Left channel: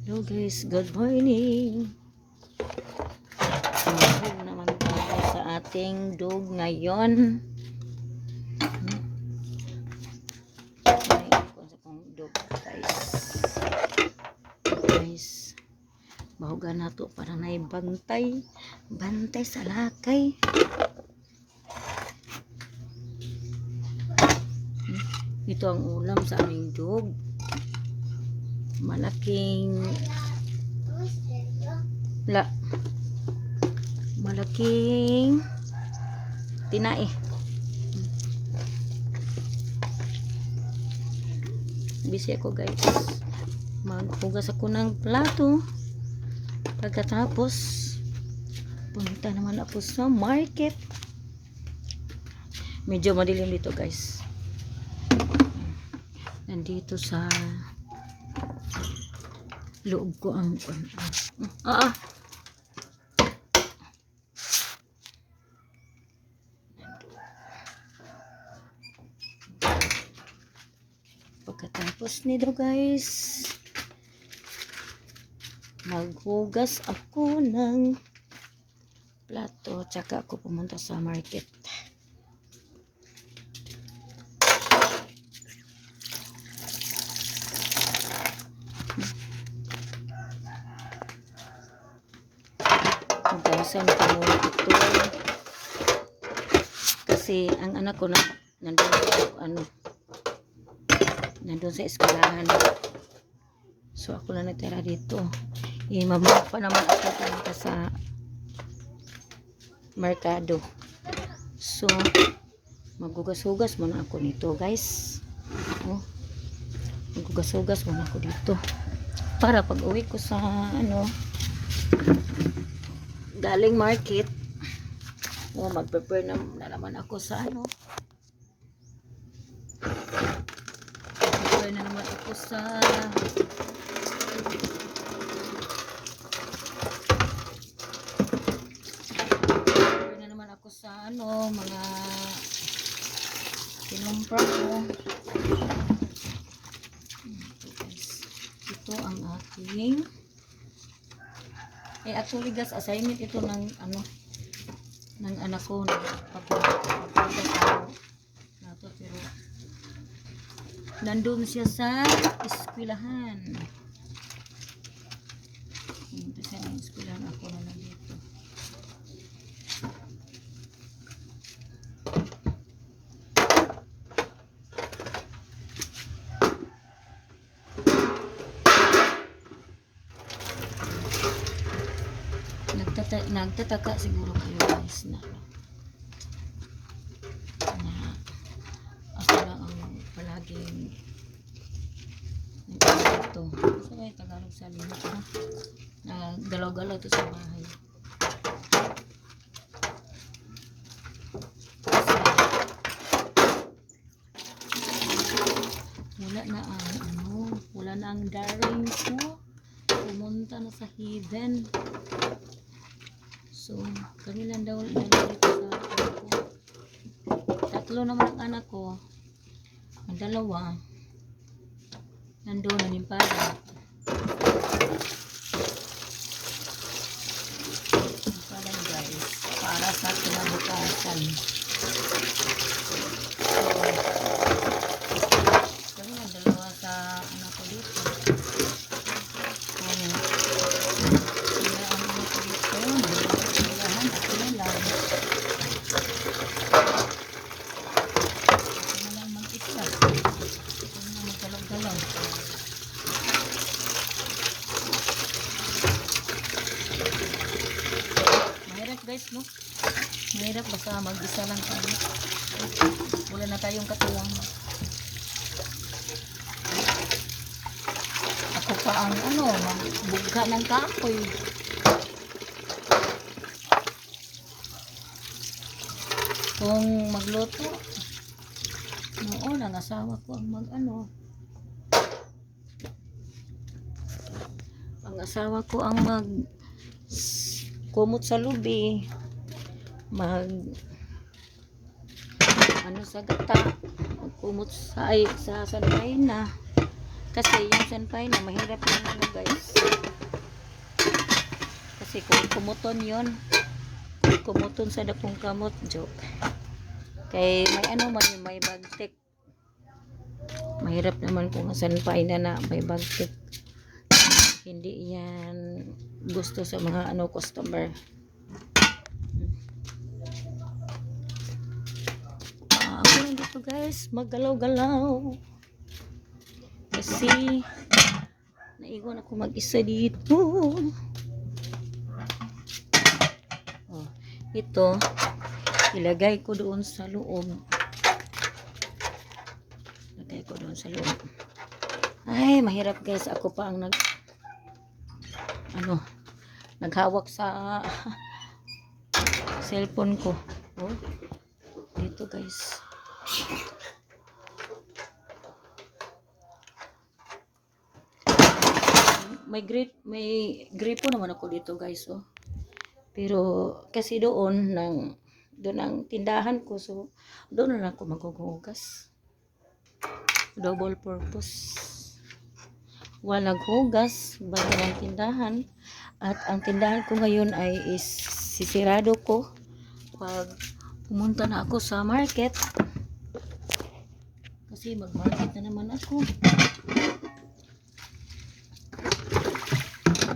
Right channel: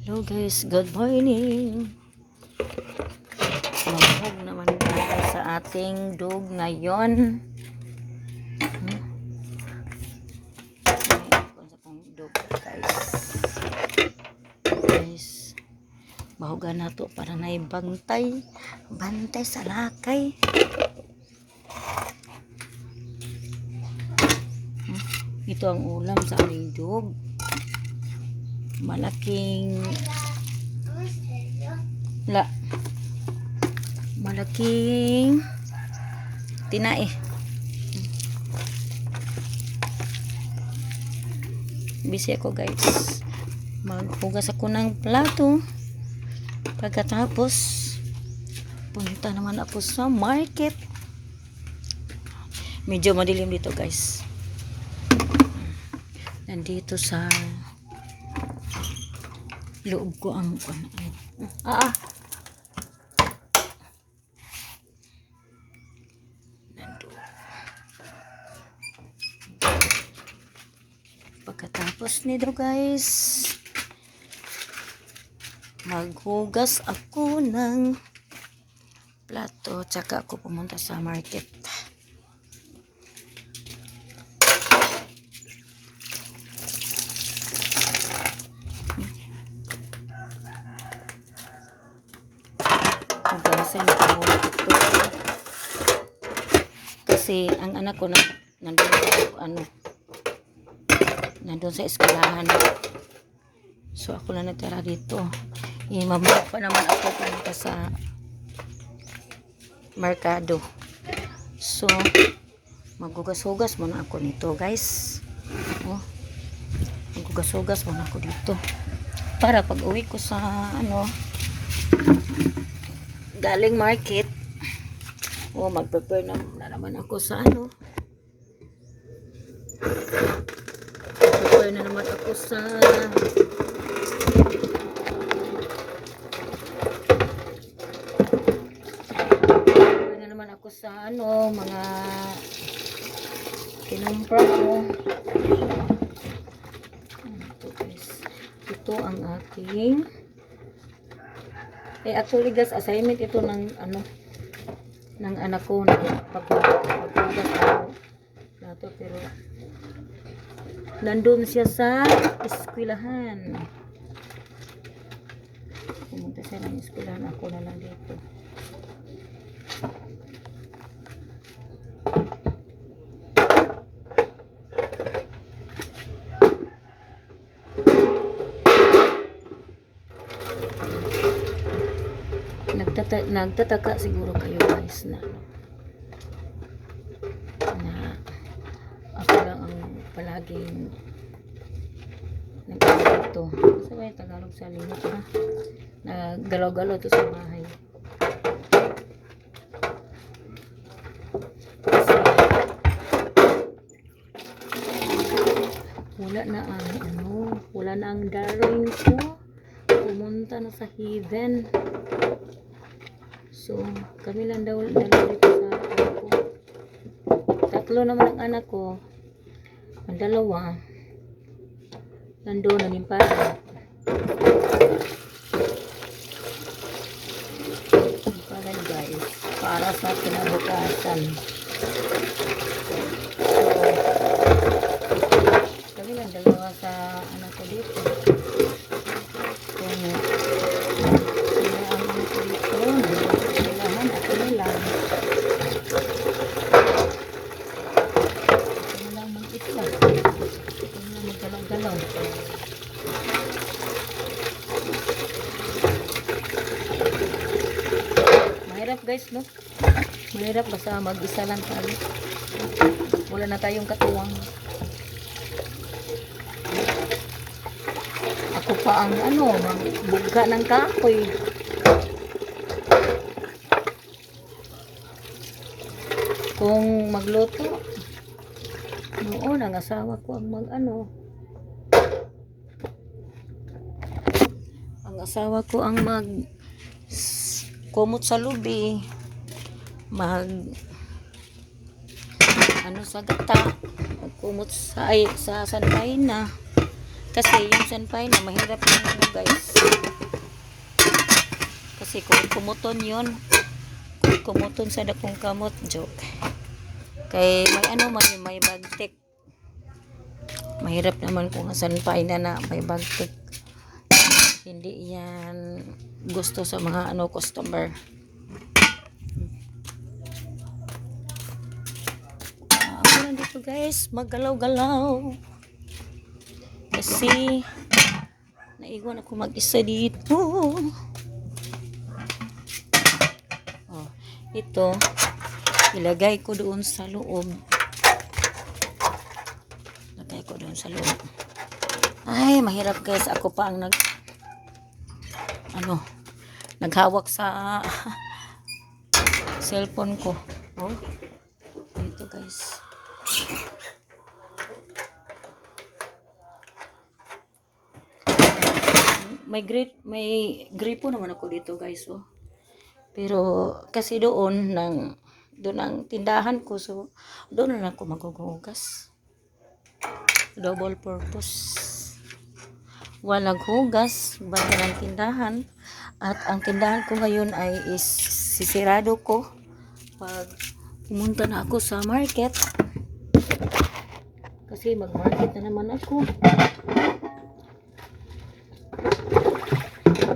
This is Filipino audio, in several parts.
Hello guys, good morning. Sumahog naman tayo sa ating dog ngayon. Dog guys. Bahugan na to para na bantay. Bantay sa lakay. Ito ang ulam sa aming dog. Malaking tinae. Busy ako guys. Maghugas ako ng plato. Pagkatapos punta naman ako sa market. Medyo madilim dito guys. Nandito sa loob ko ang pagkatapos nito guys, maghugas ako ng plato tsaka ako pumunta sa market. Hugasan ko muna ito kasi ang anak ko nandun sa eskwelahan, so ako lang natira dito. Mabalik pa naman ako pumunta sa merkado, so maghugas-hugas muna ako nito guys. Maghugas-hugas muna ako dito para pag uwi ko sa galing market, mag-prepare na naman ako sa prepare na naman ako sa mga kinumpra ko. Ito ang ating actually guys, assignment ito ng ng anak ko na paghugas na to, pero nandun siya sa eskwelahan. Pumunta siya ng eskwelahan, ako na lang dito. Nagtataka siguro kayo guys na ako lang ang palaging nagkakito. Sa may Tagalog sa limit na galaw-galaw to sa bahay. Wala na ang darling ko. Pumunta na sa heaven. So, kami lang daw dito sa anak ko. Tatlo naman ang anak ko. Ang dalawa nandoon naging para. Para guys, para sa kinabukasan. Kami lang dalawa sa anak ko dito. Mahirap guys, no? Mahirap basta mag-isa lang tayo. Wala na tayong katuwang. Ako pa ang magbugga ng kahoy. Kung magluto, noon ang asawa ko ang ang asawa ko ang kumot sa lubi, sa gata, kumot sa sanay na. Kasi yung senpai na mahirap yung ano guys. Kasi kung kumuton yun, kung kumuton sa dakong kamot, joke. Kay may ano man yung may bagtik. Mahirap naman kung senpai na may bagtik. Hindi yan gusto sa mga ano customer. Ako lang dito guys, maggalaw-galaw. Kasi naiwan ako mag-isa dito. Oh, ito ilagay ko doon sa loob. Lagay ko doon sa loob. Ay, mahirap guys. Ako pa ang naghawak sa cellphone ko. Oh, dito guys. May gripo naman ako dito guys, oh. Pero kasi doon ang tindahan ko, so doon na lang ako maghuhugas. Double purpose. Walang hugas, bago ng tindahan. At ang tindahan ko ngayon ay sisirado ko pag pumunta na ako sa market. Kasi mag-market na naman ako.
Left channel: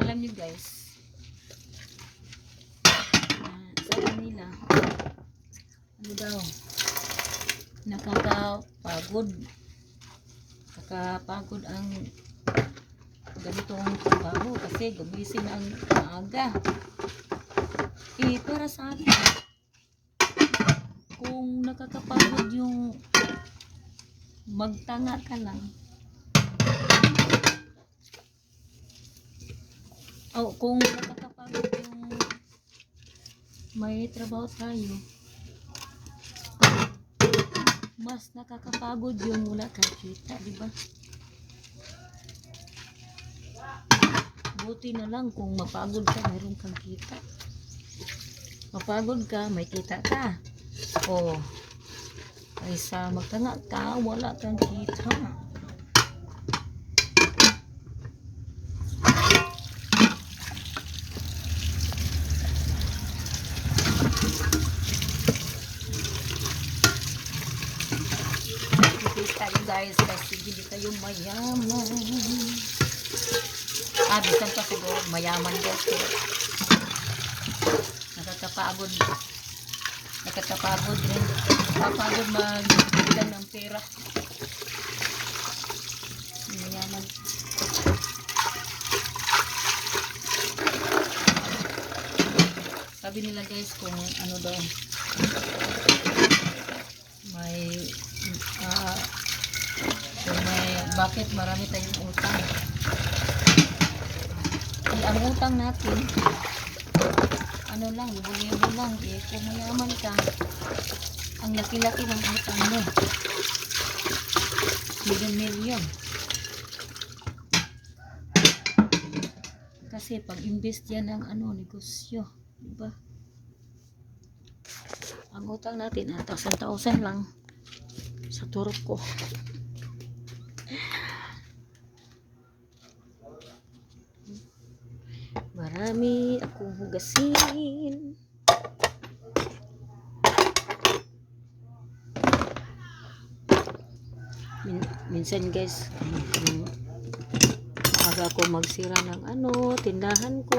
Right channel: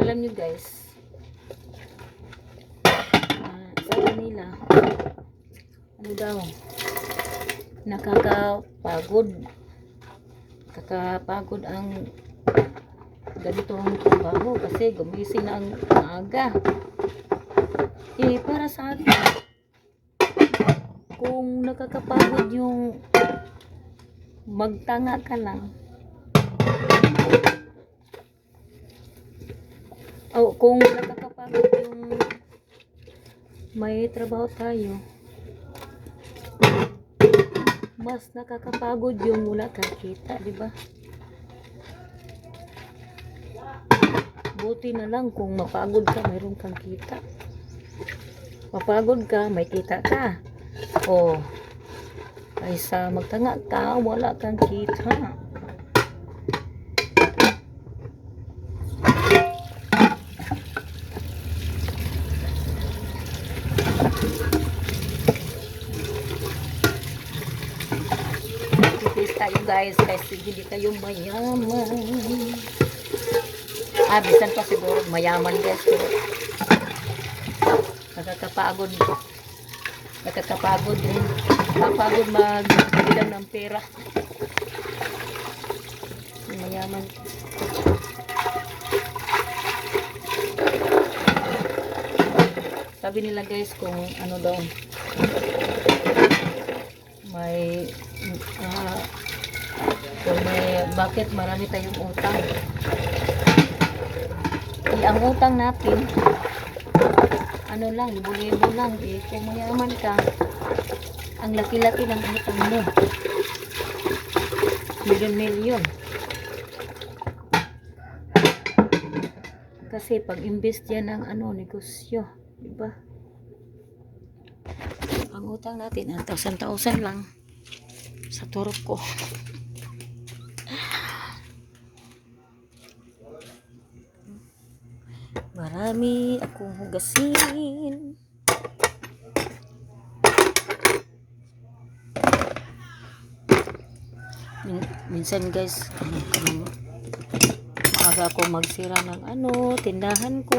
Alam nyo guys, sabi nila, ano daw, nakakapagod ang ganitong trabaho kasi gumising na ang aga. Para sa akin, kung nakakapagod yung magtanga ka lang, kung nakakapagod yung may trabaho tayo, mas nakakapagod yung wala kang kita, di ba? Buti na lang kung mapagod ka, mayroon kang kita. Mapagod ka, may kita ka. Kaysa magtanga ka, wala kang kita. Tayo guys, kasi hindi tayo mayaman. Bisan pa siguro mayaman guys, pero nakakapagod rin. Nakakapagod magbilang ng pera. Mayaman. Sabi nila guys, kung ano daw, bakit marami tayong utang. Ang utang natin, ano lang, libo-libo lang. Kung mayaman ka, ang laki-laki ng utang mo. Milyon-milyon. Kasi pag-invest yan ng negosyo. Diba? Ang utang natin, 1,000 lang sa turok ko. Marami akong hugasin. Minsan guys, maaga ako magsira ng tindahan ko.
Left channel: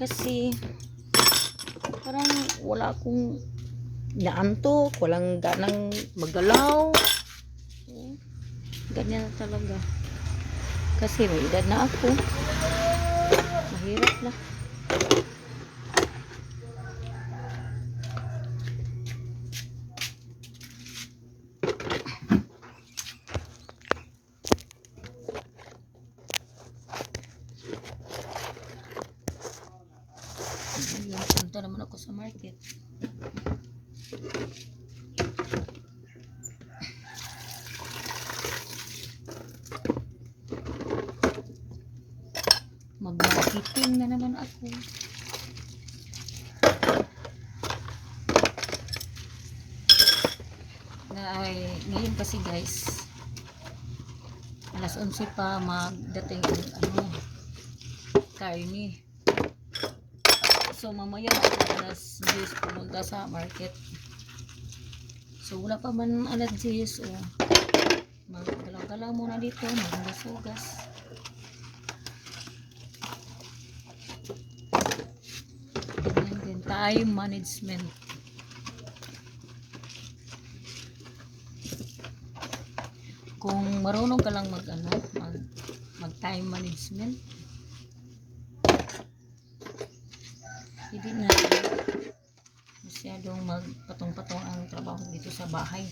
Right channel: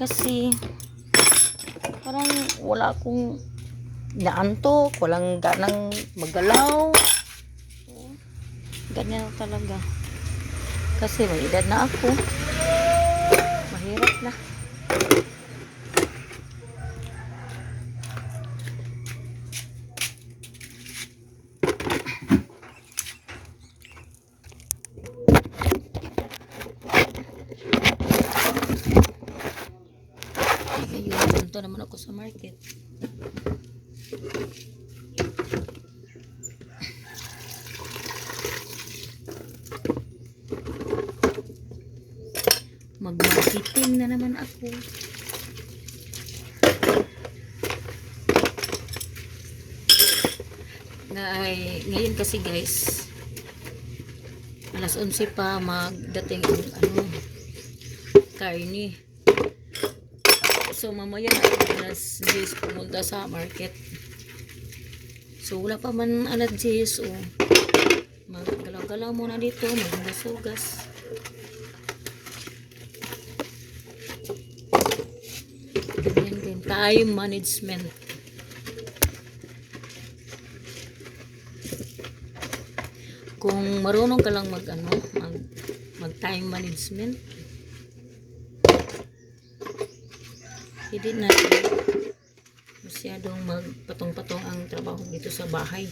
Kasi parang wala akong naantok, walang ganang magalaw. Ganyan talaga. Kasi may edad na ako. Mahirap na. Punta naman ako sa market. Mag-marketing na naman ako. Ngayon kasi guys, alas 11 pa magdating ang ano, karni. So mamaya alas 10 pumunta sa market. So wala pa man alas 10, so maggalaw-galaw muna dito, maghugas-hugas. Ganyan din, time management. Kung marunong ka lang mag time management, hindi na masyadong magpatong-patong ang trabaho dito sa bahay.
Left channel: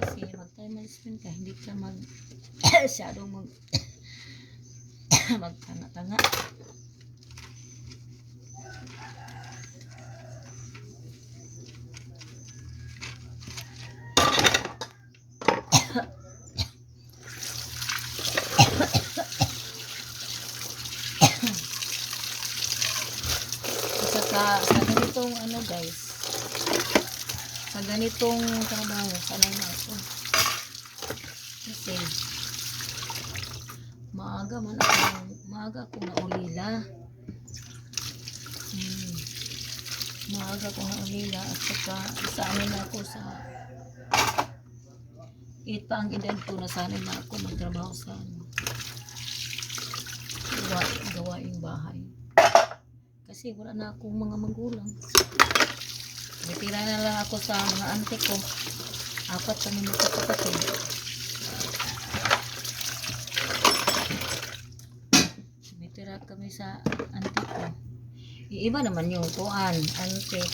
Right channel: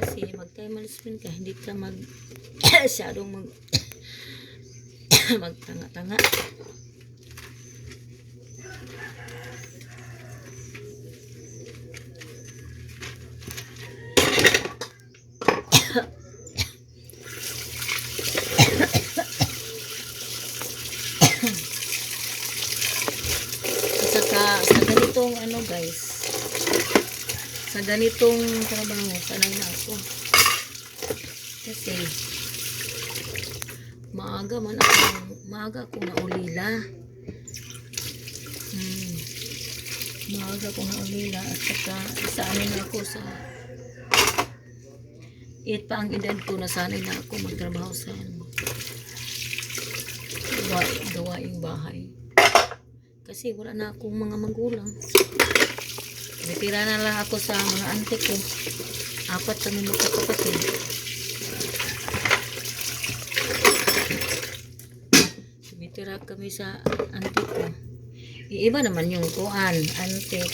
Kasi mag time management ka, hindi ka masyadong magtanga-tanga. Sa ganitong ano guys, sa ganitong trabaho sanay na ako kasi maaga akong naulila. Maaga akong naulila at saka sanay na ako sa pa ang edad ko, nasanay na ako magtrabaho sa gawaing bahay. Kasi wala na akong mga magulang. Natira na lang ako sa mga auntie ko. 4 kami magkakapatid. Natira kami sa auntie ko. Iiba naman yung kuan, auntie,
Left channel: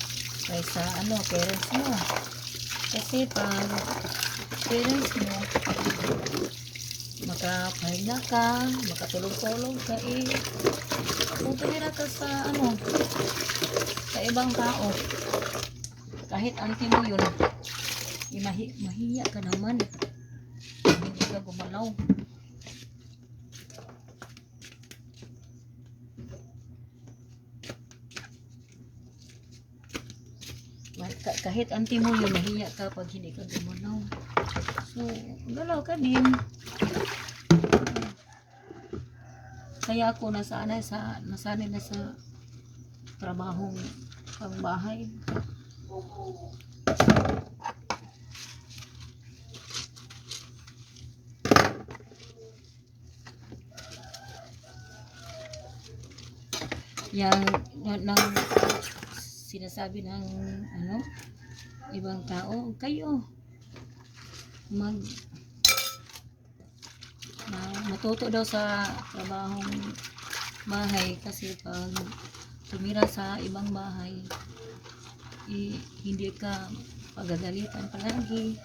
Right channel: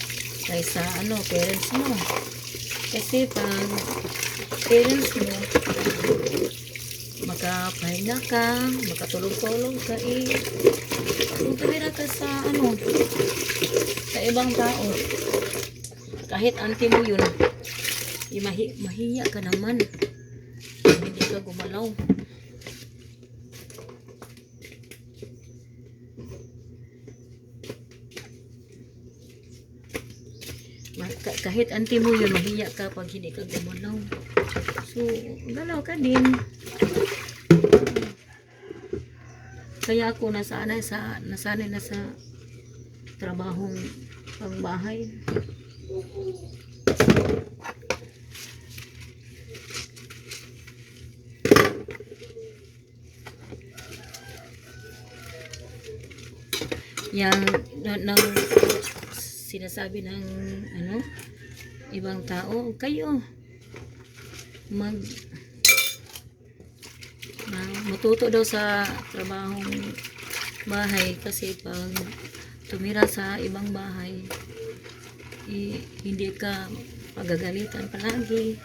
kaysa parents mo. Kasi pag parents mo, makapahinga ka, makatulog-tulog ka kung tumira ka sa sa ibang tao, kahit auntie mo yun, mahiya ka naman, hindi ka gumalaw. Kahit auntie mo yun, mahiya ka pag hindi ka gumalaw. So galaw ka din. Kaya ako nasanay na sa trabahong pangbahay. Yang nang sinasabi ng ibang tao, kayo matuto daw sa trabahong bahay kasi pag tumira sa ibang bahay hindi ka pagagalitan palagi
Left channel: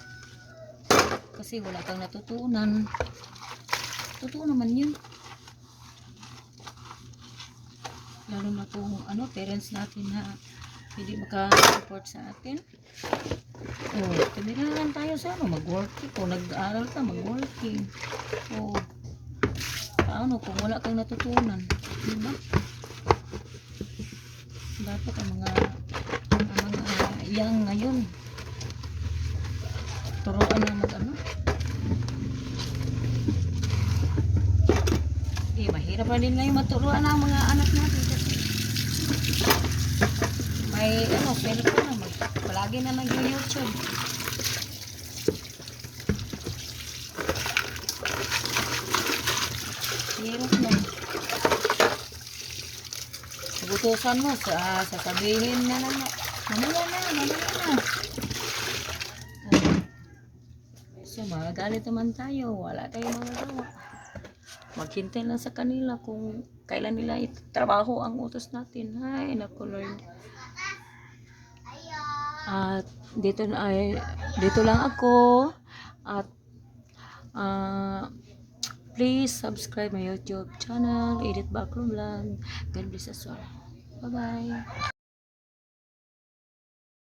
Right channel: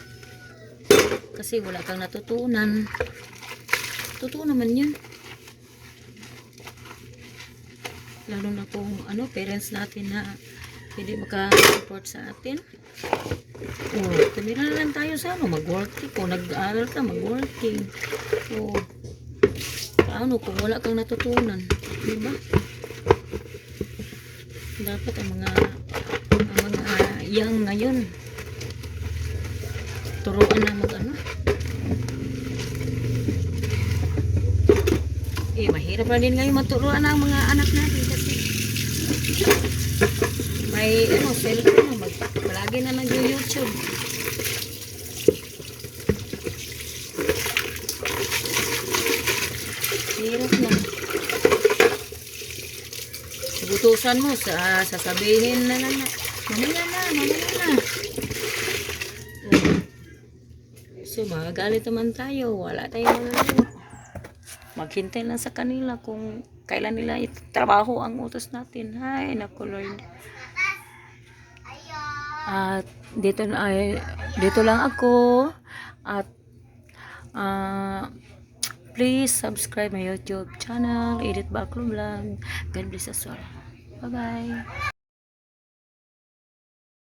kasi wala kang natutunan. Totoo naman yun, lalo na kung parents natin na hindi maka-support sa atin. Tumira na lang tayo sa mag-working. Kung nag-aaral ka, mag-working. Paano kung wala kang natutunan, diba? Dapat ang mga young ngayon turuan na mahirap na din ngayon maturuan ang mga anak natin kasi may cellphone na palagi na nag-YouTube. Hirap na. Butusan mo sasabihin na mamaya na. So magagalit naman tayo, wala tayong magagawa. Maghintay lang sa kanila kung kailan nila itrabaho ang utos natin. Ay naku Lord. At dito lang ako at please subscribe my YouTube channel, Edith Baclo Vlog. God bless us all. Bye bye.